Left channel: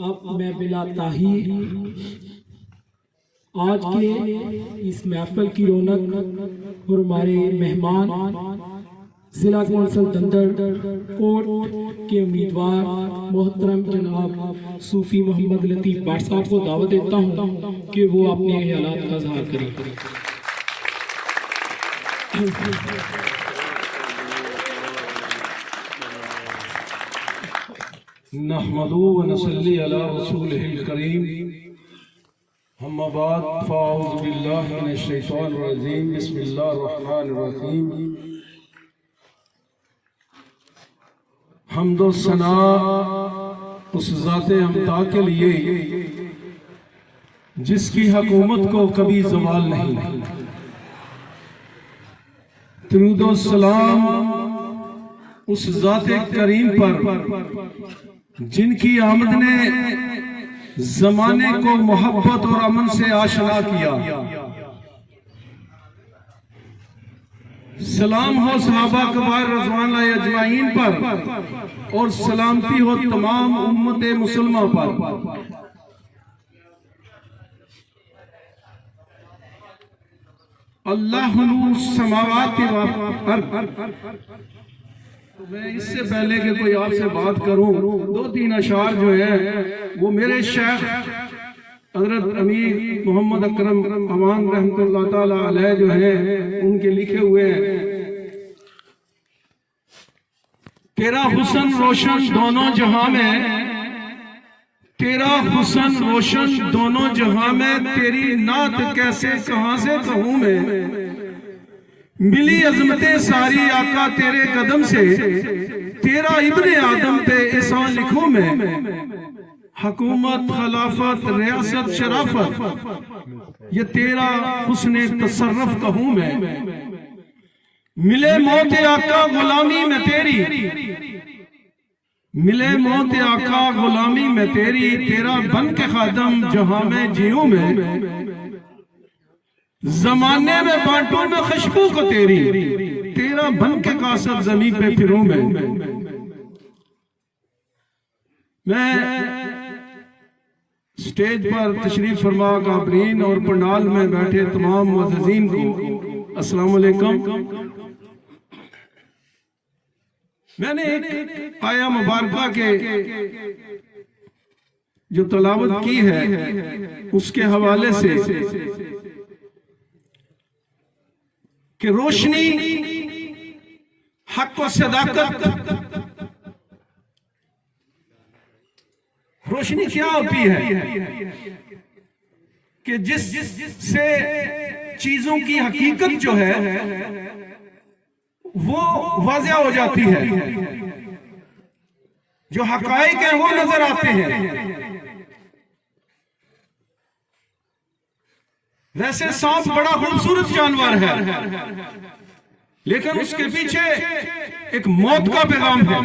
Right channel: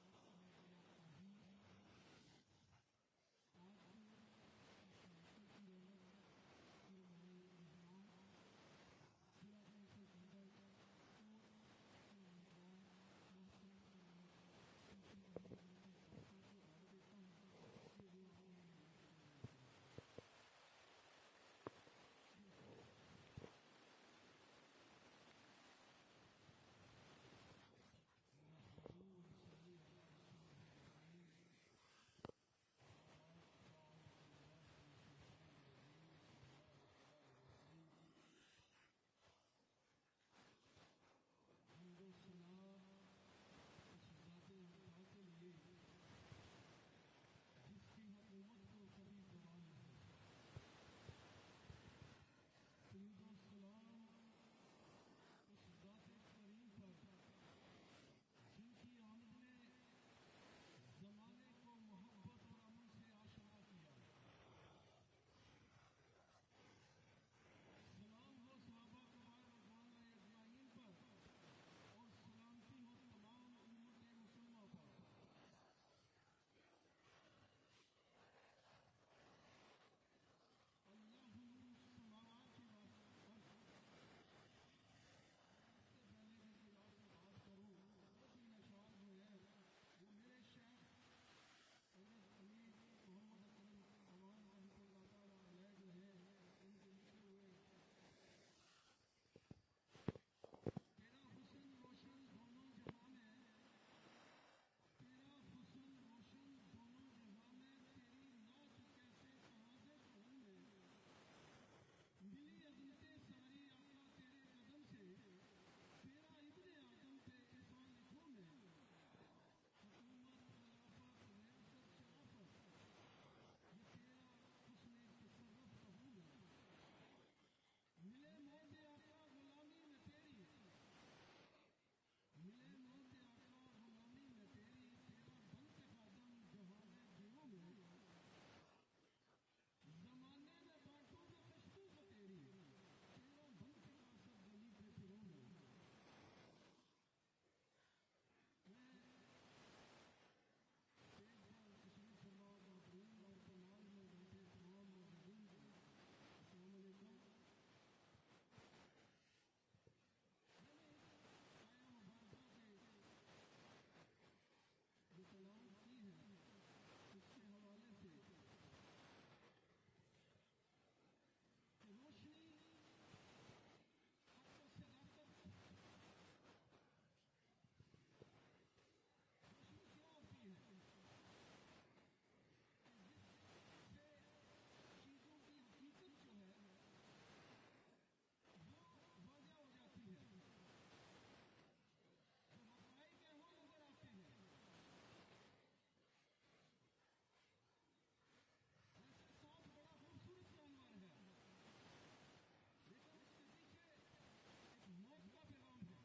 अब मैं बिला ताहीर आज के इस महफिल की रौनक और हमारे मेहमान जिला कौंसल दंदड़ कोट के उम्मीदवार मोहतरम जनाब सूफी मोहम्मद लतीफ़ भाट साहब को दावत देता हूँ कि वो अपने ख्यालात का इज़हार करें। नहमदु व नसल्ली अला रसूलिहिल करीम अम्मा बाद फ़अऊज़ु बिल्लाहि मिनश शैतानिर रजीम बिस्मिल्लाहिर रहमानिर रहीम। हम्द व सना उस ज़ाते अमता के लिए जिसकी हुकूमत को कभी ज़वाल नहीं। दुरूद व सलाम उस ज़ाते करीम पर जिनकी आमद ने ज़माने को मोहब्बत और अमन से आशना किया। सलाम हो सहाबा कबार रज़वानुल्लाह अजमाइन पर और सलामती हो तमाम उम्मत मुसलमान पर। अल्लाह नूर समावाति व अर्द। मैं इससे पहले कि कोई आपसे बात करूं, दो तीन अशार जो है वो मेरे शेख हजरत अमीर मोहम्मद अकरम अमान रहमतुल्लाह ताला अलैह जो है उनके लिखे हुए हैं। तेरा हुस्न रोशन दोनों जहां में, तेरा हुस्न रोशन दोनों जहां में, तेरी नात कैसे कहां से कहूं मैं। मिली अजमते सारी आका तेरे कदम से, तेरा इब्ने आदम पे एहसान लिखूं मैं। हुकूमत खिलाफत रियासत शराफत ये तेरा हुस्ने तसर्रुफ कहूं मैं। मिले मौत आका गुलामी में तेरी, मिले मौत आका गुलामी में तेरी, तेरा बन के खादम जहां में जियूं मैं। जमाने में बांटू में खुशबू को तेरी, तेरा बन के कासब जमीन पे फिरूं मैं स्टेज पर तशरीफ फरमा काबरीन और पंडाल में बैठे तमाम मुअज़्ज़िज़ीन को अस्सलाम वालेकुम। मैंने एक आया मुबारका के जो तलावत की है उसके हवाले से कि रोशनी हक व सदाकत, रोशनी क्या होती है कि जिससे चीजों की हकीकत जो है वो वाज़िह हो जाती है, जो हकायक है वो नजर आते हैं। वैसे सांप बड़ा खूबसूरत जानवर है, लेकिन उसके पीछे एक मौत का पैगाम है।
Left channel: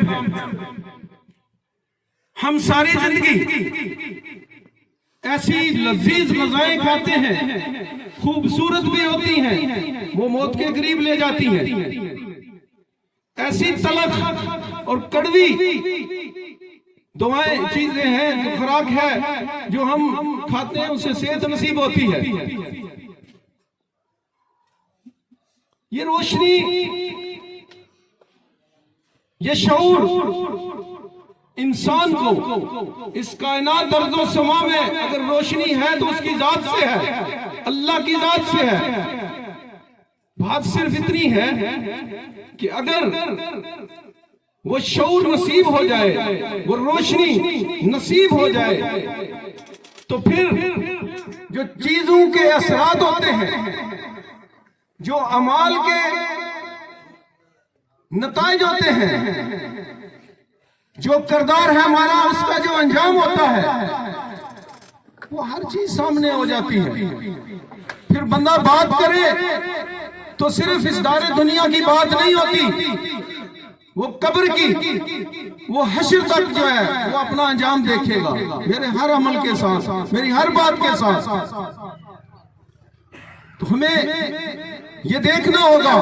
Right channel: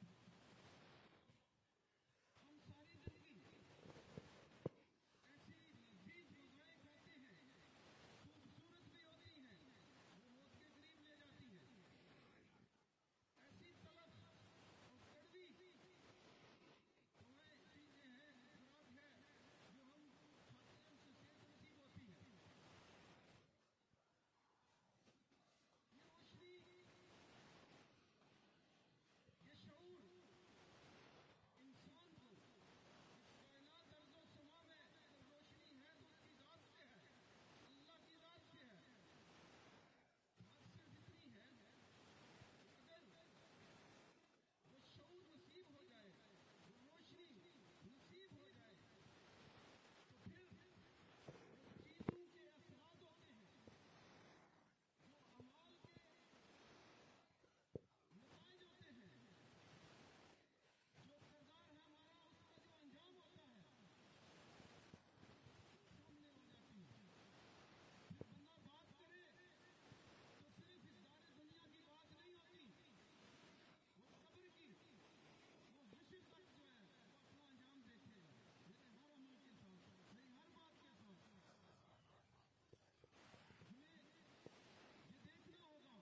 हम सारी जिंदगी ऐसी लजीज गज़ाएं खाते हैं, खूबसूरत भी होती हैं, वो मौत के करीब ले जाती हैं। ऐसी तलख और कड़वी दुआएं चीजें हैं, जो खुराक है जो हम खाते हैं, उससे सेहत नसीब होती है। ये रोशनी, ये शऊर इंसान को इस कायनात दर्जो समा में अगर रोशनी है तो उसकी जात से है, अल्लाह की जात से है। बात सिर्फ इतनी है कि अगर वो शऊर नसीब हो जाए, वो रोशनी नसीब हो जाए, तो फिर जो चीजों के असरात होते हैं, जो अमाल के नताइज होते हैं, जो किरदार है हमारा, उसका जो अंजाम होता है, वो हर चीज सामने हो जाती है। फिर बंदा बात करे तो सिर्फ इस दारे दुनिया की बात नहीं होती, वो कब्र की, वो हश्र तक जो है वो अपना अंजाम देखेगा, मेरे हर अमल के साथ, मेरी हर बात के साथ। तो हमें ये देखना होगा,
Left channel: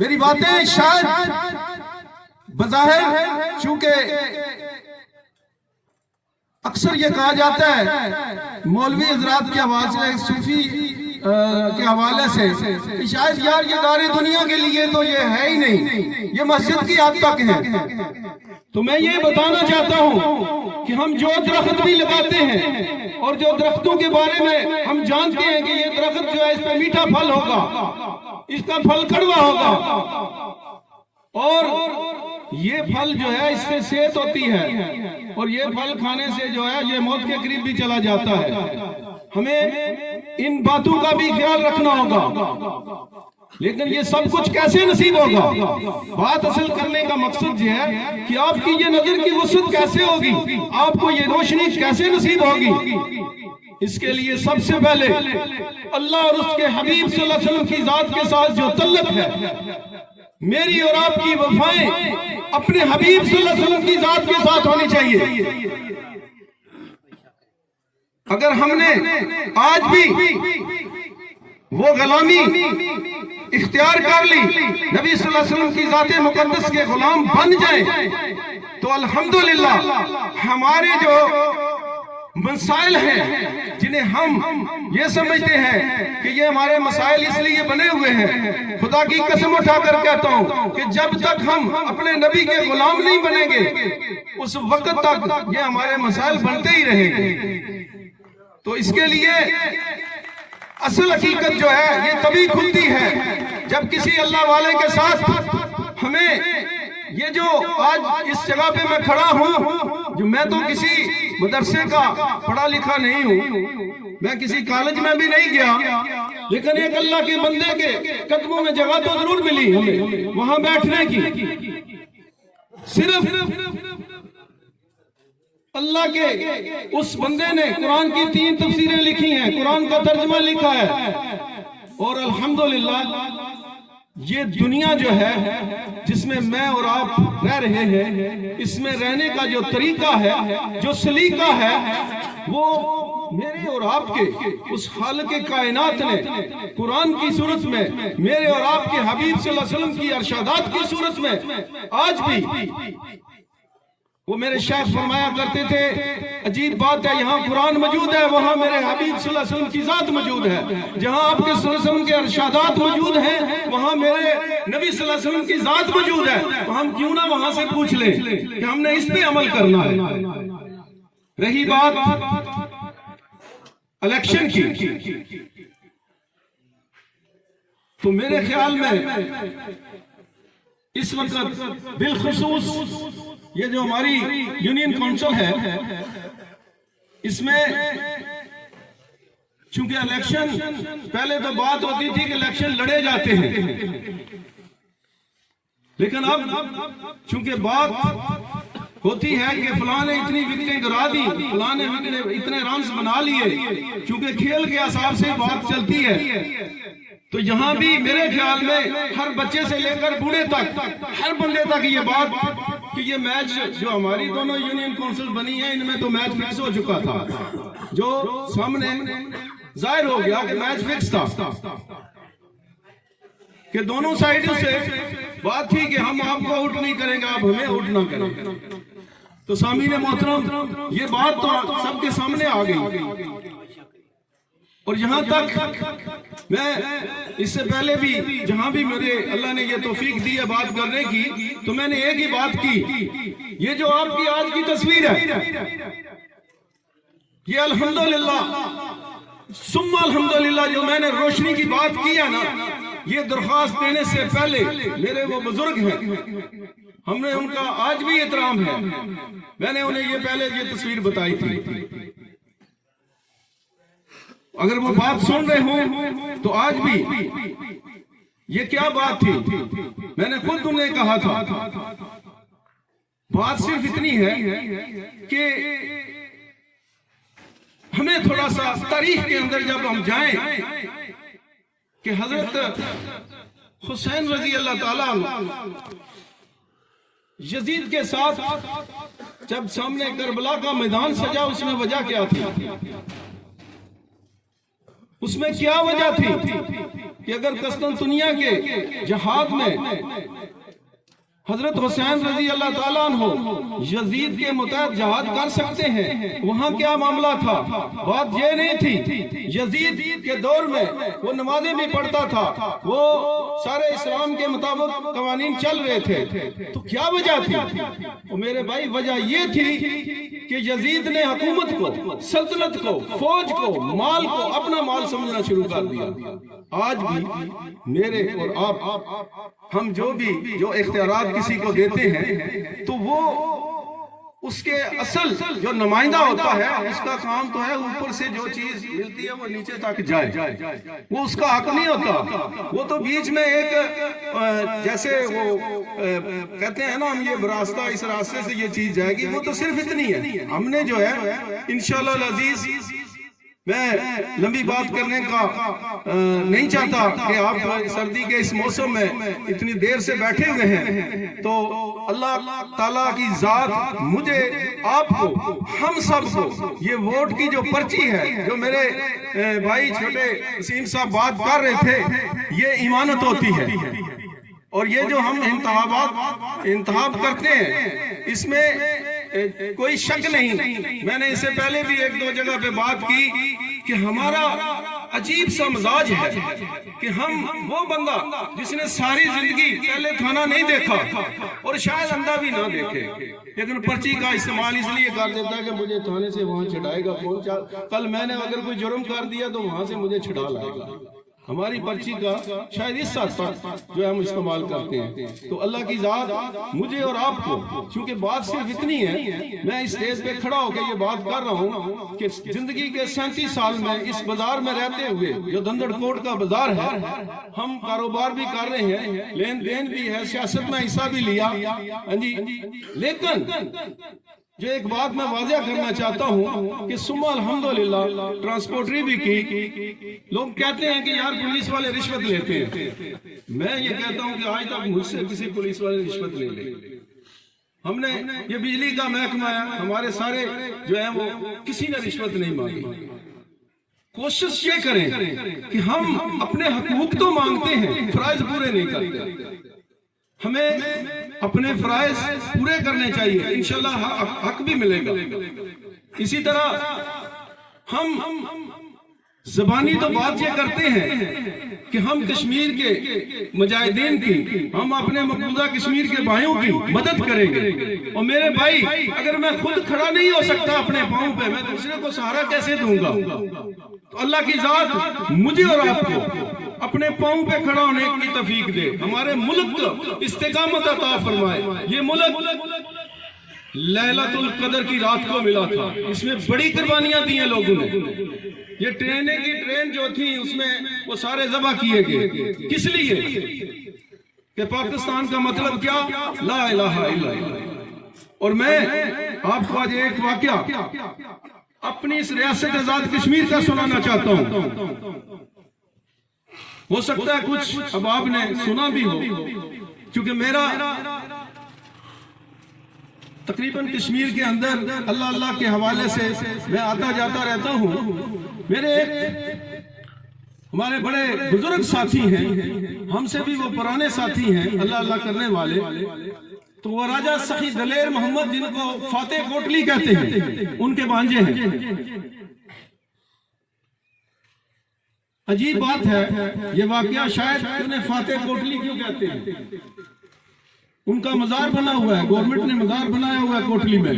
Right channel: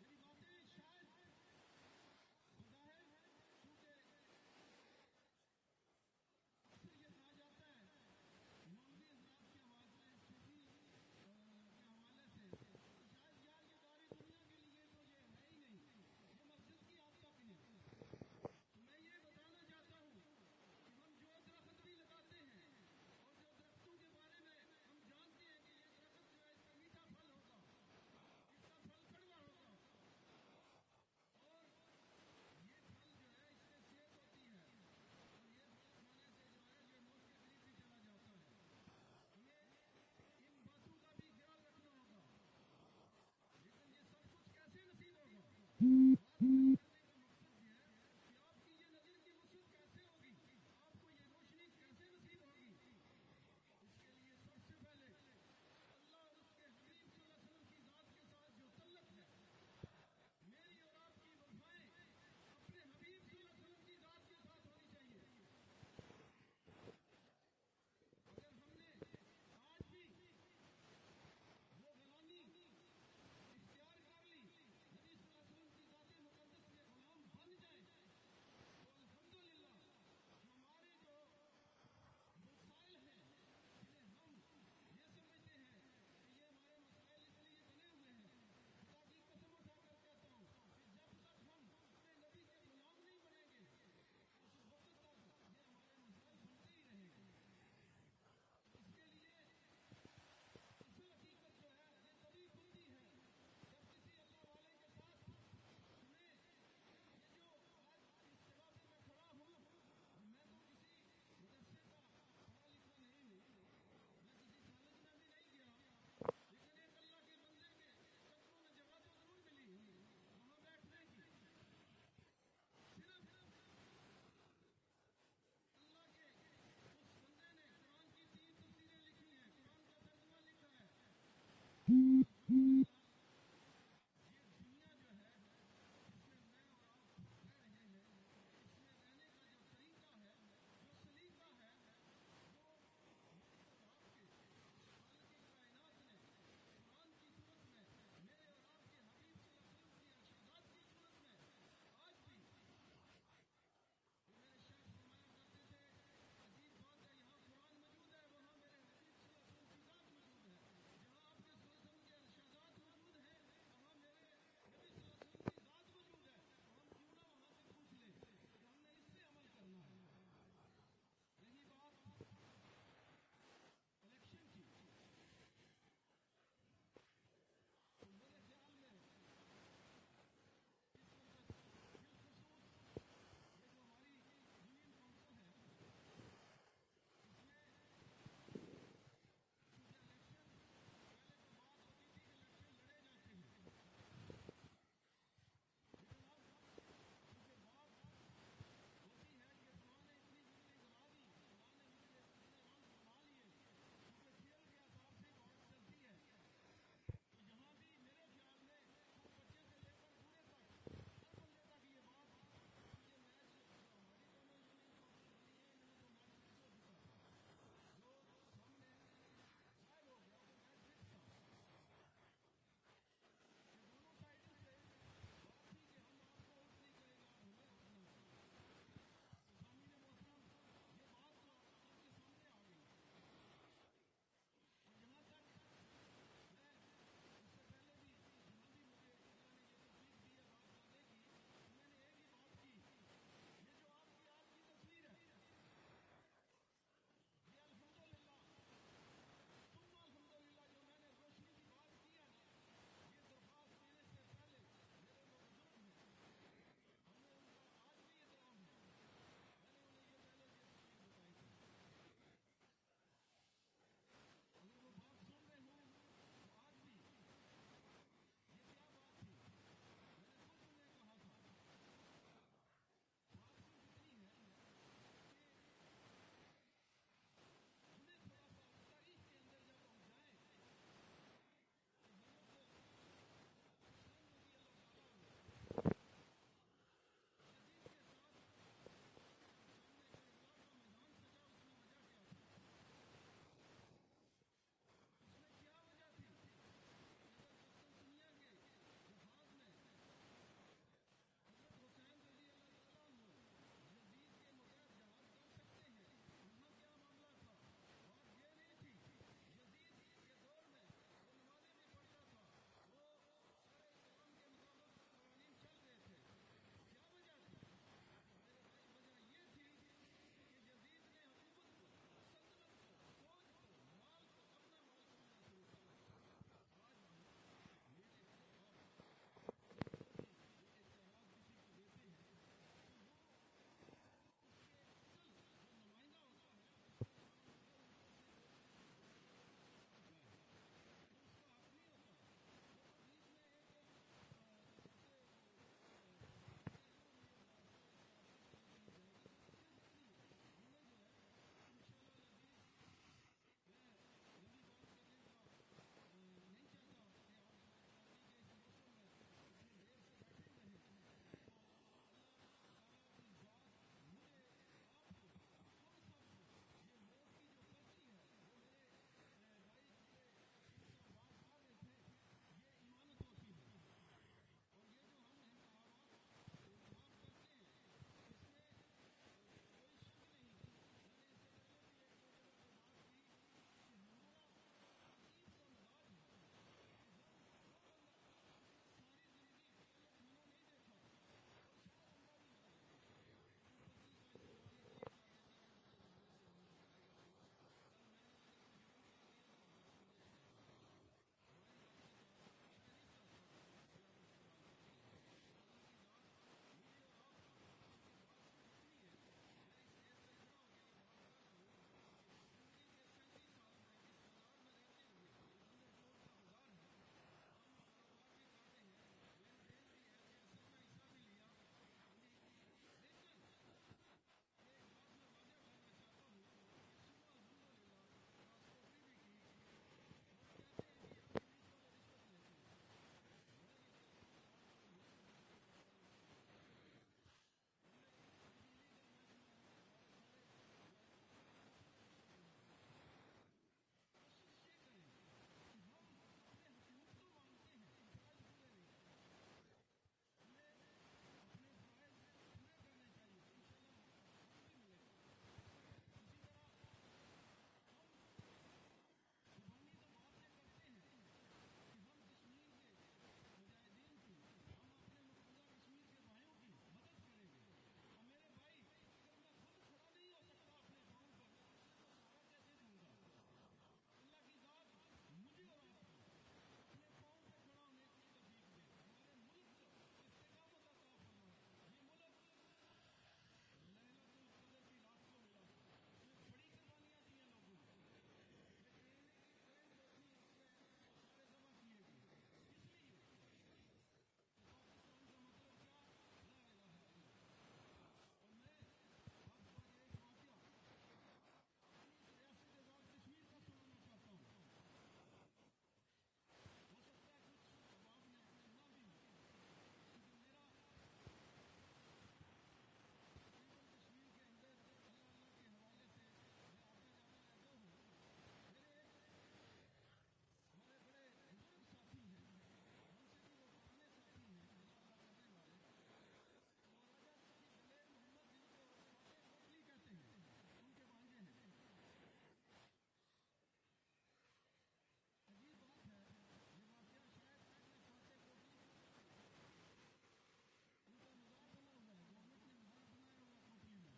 मेरी बातें शायद बज़ाहिर चूंकि अक्सर ये कहा जाता है मौलवी हजरात की आवाज से, सूफी के हवाले से कि शायद यार ये दारे दुनिया के लिए तो ये है ही नहीं, ये मस्जिद की हद तक है। तो मैं ये बताना चाहता हूँ कि हम जो दरख्त भी लगाते हैं और जो दरख्तों के बारे में हम जानते हैं कि ये दरख्त जो है इस पर मीठा फल होगा, इसका फल कड़वा होगा, और ये फल जो है इससे सेहत होती है, और ये फल खाने से जो है ये मौत के करीब भी चला जाता है। हमें इन बातों का भी ख्याल रखना होगा। लेकिन ये सब कुछ कैसे नसीब होगा? बात असल करने का मकसद ये है कि आपकी ये नजर की वसअत कैसे होगी, आपको ये रोशनी कैसे नसीब होगी। इसके लिए सबसे पहले अल्लाह और उसके हबीब सल्लल्लाहु अलैहि वसल्लम की जात के साथ जो तल्लुक है, मेरी और आपकी वफाएं अपने हबीब सल्लल्लाहु अलैहि वसल्लम की जात के साथ होनी चाहिए। अगर हमने आज भी वो गुलामी इख्तियार कर ली, नबी सल्लल्लाहु अलैहि वसल्लम की जाते मुकद्दस के गुलाम बन जाए, तो अल्हम्दुलिल्लाह हमारे जो मसाइल हैं, जिन्हें हम ये समझते हैं कि ये हमारे मसाइल इसलिए बने हुए हैं, खुदा की कसम उठाकर कहता हूँ कि जब तक हम अपने नबी के गुलाम नहीं बनेंगे उस वक्त तक ये हमारे मसाइल बनते ही रहेंगे। तो इसके लिए असल हकीकत जो है ये तभी खुलती है जब किसी अल्लाह वाले के साथ हमें ये जो आज इस जगह पे मैं खड़ा हूँ, जो मैं तो किसी मदरसे का पढ़ा लिखा नहीं हूँ, मैं किसी कॉलेज में भी नहीं गया, लेकिन एक अल्लाह के बंदे के कदमों में जगह तो जरूर मिली हमें वहां बैठने की। सिर्फ अल्लाह के उस बंदे ने कुरान की 3 तफसीरें लिखी हैं, कुरान का तर्जुमा लिखा है, और अल्हम्दुलिल्लाह ये दुनिया जो है जिसमें मैं और आप रह रहे हैं, इसमें रहने का जो तरीका है, जो सलीका है, वो मेरे और आपके उस हाल के कायनात ने कुरान की सूरत में, मेरे और आपके हबीब सल्लल्लाहु अलैहि वसल्लम की अरशादात की सूरत में आज भी वो मेरे शेख फरमाया करते थे, अजीब बात है, यहाँ कुरान मौजूद है, वहाँ मेरे हबीब सल्लल्लाहु अलैहि वसल्लम की जात मौजूद है। जहाँ आपके सल्लल्लाहु अलैहि वसल्लम के अरशादात मौजूद हैं, वहाँ मेरे नबी सल्लल्लाहु अलैहि वसल्लम की जात मौजूद है। तो हम क्यों ना वहाँ से पूछ लें कि हमने इस पे अमल करना है। रही बात इलेक्शन की, तो मेरे ख्याल में इस वक्त बिलखुसूस ये जो हमारी यूनियन काउंसिल है, इसमें चूंकि इलेक्शन पहले तो बात होती थी कि इलेक्शन लड़े जाते हैं, लेकिन अब चूंकि बात होती है कि फलां ने इतनी विकेटें गिरा दी, फलां ने इतने रन्स बना लिए, चूंकि खेल के हिसाब से बात चलती है, तो यहाँ भी मेरे ख्याल में हर बच्चे से लेकर बूढ़े तक, हर बंदे तक ये बात कि ये मैच जो हमारी दोनों यूनियन काउंसिल बनी है, इनमें तो मैच फिक्स हो चुका था, जो सामने जाहिर हो गया कि मैच फिक्स था, कि दोनों साइडों से बात थी कि हम आपको आउट नहीं करेंगे, आप हमें आउट ना करें। तो सामीने मोहतरम ये बात तो सबके सामने आ गई। और यहाँ तक मैं इससे पहले भी जहां भी मेरे अल्लाह ने ये तौफीक दी है बात करने की, तो मैंने एक ही बात की, ये जो आपकी आज की तस्वीर है, ये अल्हम्दुलिल्लाह सुम्मा अल्हम्दुलिल्लाह जो मैंने रोशनी की बात की है ना, ये दरख्वास्त देने से पहले मेरे वो बुजुर्ग हैं, हमने उनका आज भी एहतराम है, मैंने उन्हें ये पहले ये तस्वीर बताई थी। अगर वो बात सुन रहे हो तो आज भी ये क्या बात थी, मैंने खुद उन्हें कहा था, बात सिर्फ इतनी है कि हमें थोड़ा सा तारीख के अंदर जब हम जाएं कि हजरत हुसैन रजी अल्लाह ताला यजीद के साथ जब सामने करबला का मैदान सजा, उसमें वजह क्या थी? उसमें क्या वजह थी कि अगर कस्तुनतुनिया के जहाद में हजरत हुसैन रजी अल्लाह ताला अन्हो यजीद के मुतहद जहाद कर सकते हैं, वहां क्या मामला था? बात ये नहीं थी, यजीद के दौर में वो नमाजें भी पढ़ता था, वो सारे इस्लाम के मुताबिक कवानीन चल रहे थे। तो क्या वजह थी? तो मेरे भाई वजह ये थी कि यजीद ने हुकूमत को, सल्तनत को, फौज को, माल को अपना माल समझना शुरू कर दिया। आज भी मेरे और आप हम जो इख्तियारात किसी को देते हैं तो वो उसके असल जो नुमाइंदा होता है उसका काम तो है ऊपर से जो चीज मिलती है वो नीचे तक जाए, वो उसका हक नहीं होता। वो तो बीच में एक जैसे वो कहते हैं ना हम ये रास्ता, इस रास्ते से ये चीज जाएगी, वो तो सिर्फ इतनी है। हमने जो है इंशाअल्लाह अजीज, मैं लंबी बात करने का नहीं चाहता कि आप सर्दी के इस मौसम में इतनी देर से बैठे हुए हैं, तो अल्लाह ताला की जात मुझे, आपको, हम सबको ये वोट की जो पर्ची है, जो मेरे भाई छोटे वसीम साहब बात कर रहे थे, ये इमानत होती है। और ये जो हम इंतखाब करते हैं इसमें कोई शक नहीं। मैंने इससे पहले भी एक दो जगह पे बात की कि हमारा अजीब सा मिजाज है कि हम वो बंदा जिसने सारी जिंदगी पहले थाना नहीं देखा और शायद अंधा भी ना देखे, लेकिन पर्ची का इस्तेमाल इसलिए कर देता है कि मुझे थाने से वहां छिड़ाएगा कौन। कल मैंने अगर कोई जुर्म कर दिया तो वहां से मुझे छिड़ा लाएगा। हमारी पर्ची का शायद इस साथ जो हम इस्तेमाल करते हैं। तो अल्लाह की जात मुझे और आपको, क्योंकि बात सिर्फ इतनी है, मैं इस स्टेज पे खड़ा होकर ये बात कर रहा हूँ कि जिंदगी के 37 साल में इस बाजार में रहते हुए, जो धंधड़ कोट का बाजार है, हम कारोबार भी कर रहे हैं, लेन देन भी है, सियासत में हिस्सा भी लिया, हाँ जी। लेकिन जो एक बात मैं वाज़िया करना चाहता हूँ कि सुम्मा अल्हम्दुलिल्लाह ट्रांसपोर्टरी भी की। लोग कहते हैं कि यार पुलिस वाले रिश्वत लेते हैं। मैं ये कहता हूँ कि आज तक मुझसे किसी पुलिस वाले रिश्वत नहीं ले। हमने ये बिजली का महकमा है, हमारे सारे जो है वो किसी ने रिश्वत नहीं मांगी। कोशिश ये करें कि हम अपने हकूक तो मांगते हैं, फराइज पूरे नहीं करते। हमें अपने फराइज पूरे करने चाहिए, इंशाल्लाह हक भी मिलेगा। इसी तरह हम ज़बानी तो बात ये करते हैं कि हम कश्मीर के मुजाहिदीन की, हम अपने मकबूजा कश्मीर के भाइयों की मदद करेंगे। और मेरे भाई, अगर मैं खुद खड़ा नहीं हो सकता अपने पांव पे, मैं दूसरे को सहारा कैसे दूंगा? तो अल्लाह की जात मुझे और आपको अपने पांव पे खड़ा होने की तौफीक दे, हमारे मुल्क को इस्तेकामत अता फरमाए। ये मुल्क लैलतुल कदर की रात को मिला था, इसमें बड़ी कुर्बानियां दी हैं लोगों ने। ये ट्रेन जो थी उसमें वो सारे ज़बह किए गए, किस लिए? कि पाकिस्तान का मतलब क्या? ला इलाहा इल्लल्लाह। और मैं आपको आज एक वाकया अपनी इस रियासत आजाद कश्मीर का सुनाना चाहता हूँ। हो सकता है कुछ अब आपने सुना भी हो, क्योंकि मेरा तकरीबन कश्मीर के अंदर अल्लाह अल्लाह के हवाले से मैं आता जाता रहता हूँ। मेरे हमारे बड़े बुजुर्ग साथी हैं, हमसे भी वो पुराने साथी हैं अल्लाह अल्लाह करने वाले। तो वो राजा सखी दलेर मोहम्मद, जिनको फातेह कोटली कहते हैं, उनके भांजे हैं। अजीब बात है ये वाकया, शायद उन्हें फातेह कोटली क्यों कहते हैं? उनका मजार बना हुआ है, गवर्नमेंट ने मजार बनाया हुआ है कोटली में,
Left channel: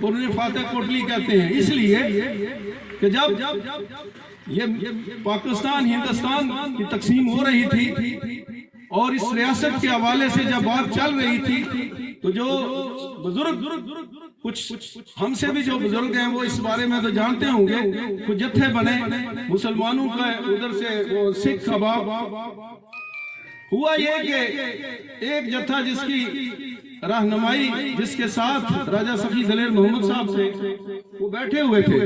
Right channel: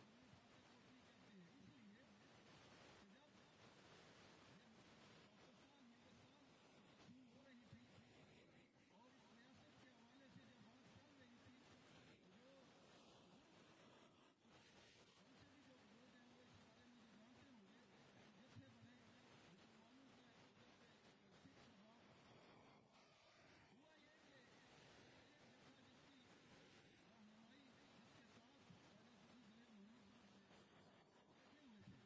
और उन्हें फातेह कोटली कहते हैं इसलिए कि जब ये पाकिस्तान हिंदुस्तान की तकसीम हो रही थी और इस रियासत के हवाले से जब बात चल रही थी, तो जो बुजुर्ग, कुछ हमसे भी जो बुजुर्ग हैं वो इस बारे में तो जानते होंगे, कुछ जत्थे बने मुसलमानों का, उधर से वो सिख अहबाब। हुआ ये कि एक जत्था जिसकी रहनुमाई, जिसके साथ राजा सखी दलेर मोहम्मद साहब थे, वो बैठे हुए थे।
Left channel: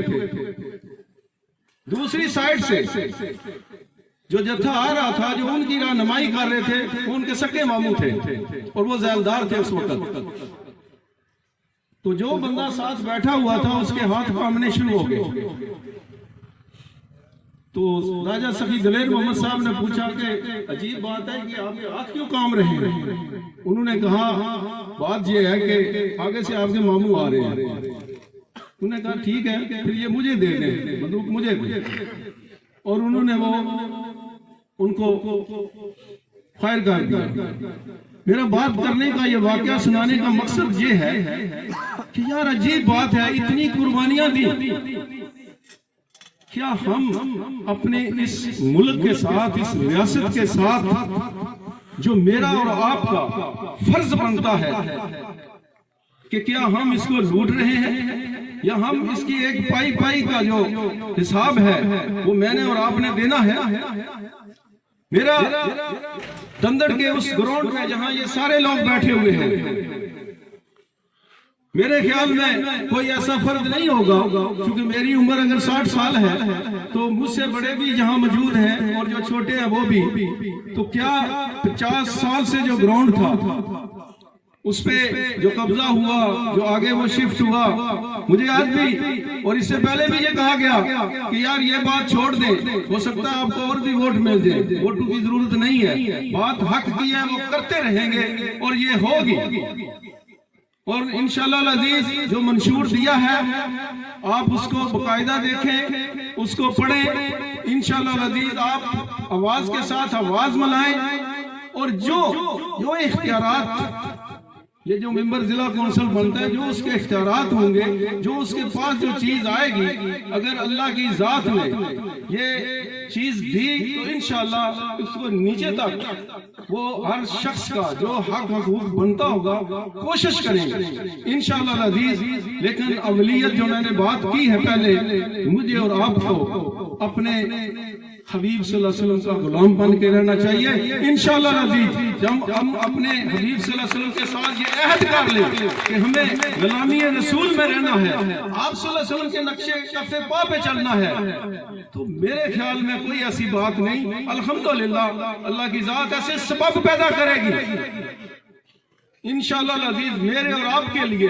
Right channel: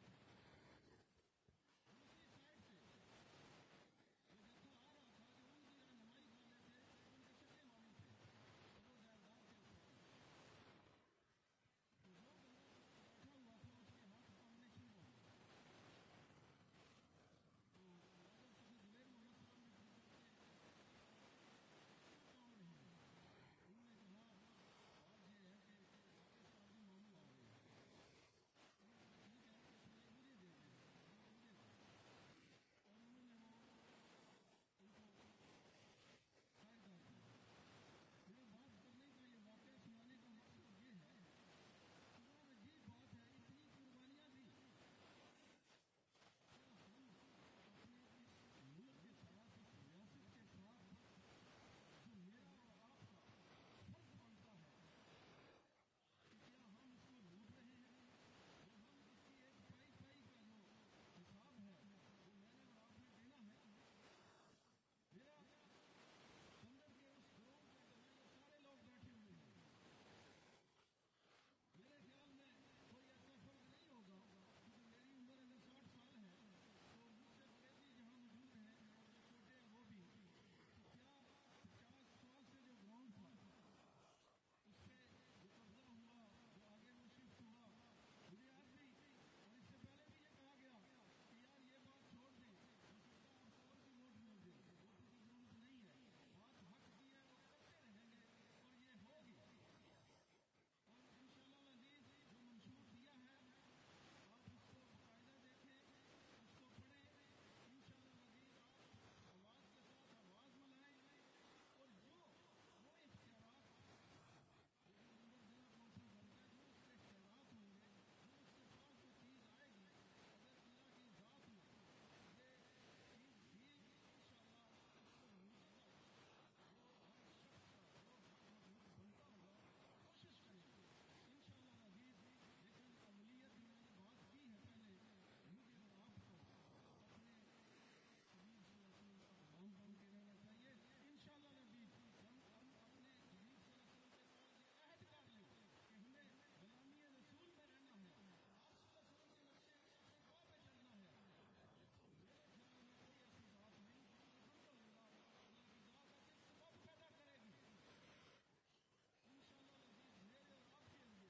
दूसरी साइड से जो जत्था आ रहा था, जो उनकी रहनुमाई कर रहे थे, वो उनके सके मामू थे और वो ज़ैलदार थे उस वक्त। तो जो बंदा साथ बैठा हुआ था उसके हाथ कांपने शुरू हो गए। तो राजा सखी दलेर मोहम्मद साहब ने पूछा कि अजीब बात है कि आपके हाथ क्यों काम रहे हैं? उन्होंने कहा बात यह है कि आगे से आपके मामू आ रहे हैं। उन्होंने कहा ठीक है, फिर ये मुझे दे दें, बंदूक मुझे दे। और उन्होंने वो उनको फायर कर दिया। मेरा बात करने का ये वाकया सुनाने का मकसद ये है कि यार अजीब बात है, इतनी कुर्बानियां दी, क्या हम अपने इस मुल्क के साथ, इस रियासत के साथ जो मेरा और आपका फर्ज बनता है कि क्या हम इसको लूट रहे हैं या हम इसकी एक पाई पाई का जो हिसाब है वो मैंने और आपने देना है? मेरा दंदड़ के उस ग्राउंड में जहां ये सारे लोग बैठे हुए हैं, मेरे ख्याल में कोई ऐसा फर्ज नहीं होगा, क्योंकि मेरी उम्र अगर 60 साल है तो मुझसे बड़े भी यहाँ मौजूद हैं और जो छोटे हैं वो भी। तो क्या 50 साल से जो ग्राउंड था उस पे जो कब्जा हुआ, जो आगे वो शिफ्ट हुआ, मुझे आज भी और इससे पहले भी ये कहा गया कि यार ये बात छोड़ दे, हो सकता है आपको और भी वोट मिल जाए, वोटों की जरूरत नहीं है, बात हक की है वो करते रहेंगे और ये होगी। और इंशाअल्लाह अजीज जो मंशूर दिया है आप उसको बाकायदा देखें, उसको पढ़ें। इंशाअल्लाह अजीज आप आवाज के साथ आवाज मिलाएं और जो इख्तियारात ये जो मेंबर जिला कौंसिल बनता है, जो उसके इख्तियारात होंगे, जो उसके पास जो चीज आएगी, अगर अल्लाह की जात ने ये चीज दी तो इंशाअल्लाह उसको नीचे तक वो हर शख्स का जो हक हकूक बनता होगा कोशिश करेंगे इंशाअल्लाह अजीज। लेकिन अवलियत जो मैंने बात की है पहले, मुझे और आपको अपने हबीब सल्लल्लाहु अलैहि वसल्लम का गुलाम बन के रहना चाहिए इंशाअल्लाह अजीज। जब हम अपने हबीब सल्लल्लाहु अलैहि वसल्लम के साथ ये अहद कर लें कि हमें गुलामी रसूल में रहना है, आप सल्लल्लाहु अलैहि वसल्लम के नक्शे कफ़े पा पे चलना है, तो मेरे ख्याल में कोई ऐसी बात नहीं। अल्हम्दुलिल्लाह अल्लाह की जात ऐसे सबब पैदा करेगी इंशाअल्लाह अजीज। मेरे और आपके लिए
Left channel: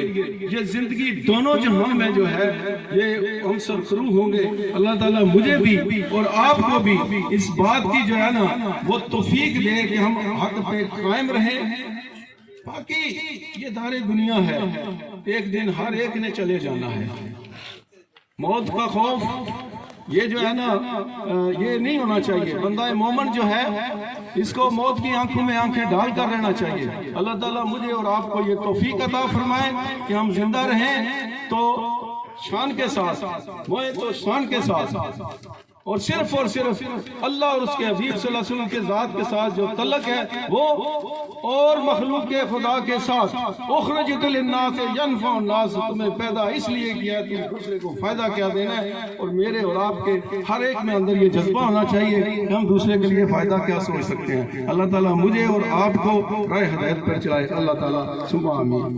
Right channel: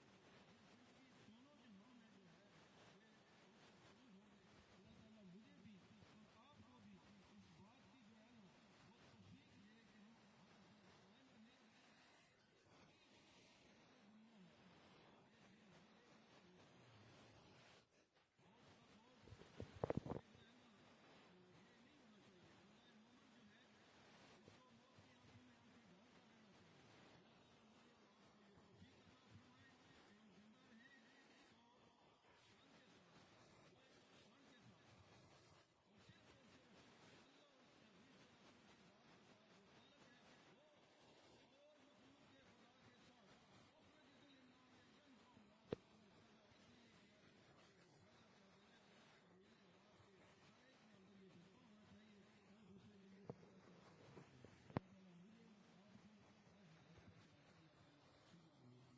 ये जिंदगी दोनों जहां में जो है ये हम सरखरू होंगे। अल्लाह ताला मुझे भी और आपको भी इस बात की जो है ना वो तौफीक दे कि हम हक पे कायम रहें। बाकी ये दारे दुनिया है, एक दिन हर एक ने चले जाना है। मौत का खौफ ये जो है ना ये नहीं होना चाहिए। बंदा मोमिन जो है इसको मौत की आंखों में आंखें डाल कर रहना चाहिए। अल्लाह ताला मुझे और आपको ये तौफीक अता फरमाए कि हम जिंदा रहें तो शान के साथ, मोए तो शान के साथ, और सिर्फ अल्लाह और उसके हबीब सल्लल्लाहु अलैहि वसल्लम के जात के साथ जो तल्लक है वो और मखलूक के खुदा के साथ। उखरजत लिन्नास यनफउन्नास, तुम्हें पैदा इसलिए किया तुम दूसरे को फायदा क्या देना है। और मेरे और आपके हर एक में अंदर ये जज्बा होना चाहिए कि हम दूसरे के लिए फायदा क्या सोच सकते हैं। अल्लाह ताला मुझे और आपको राह हिदायत पर चलाए। अल्लाह ताला सुबह आमीन।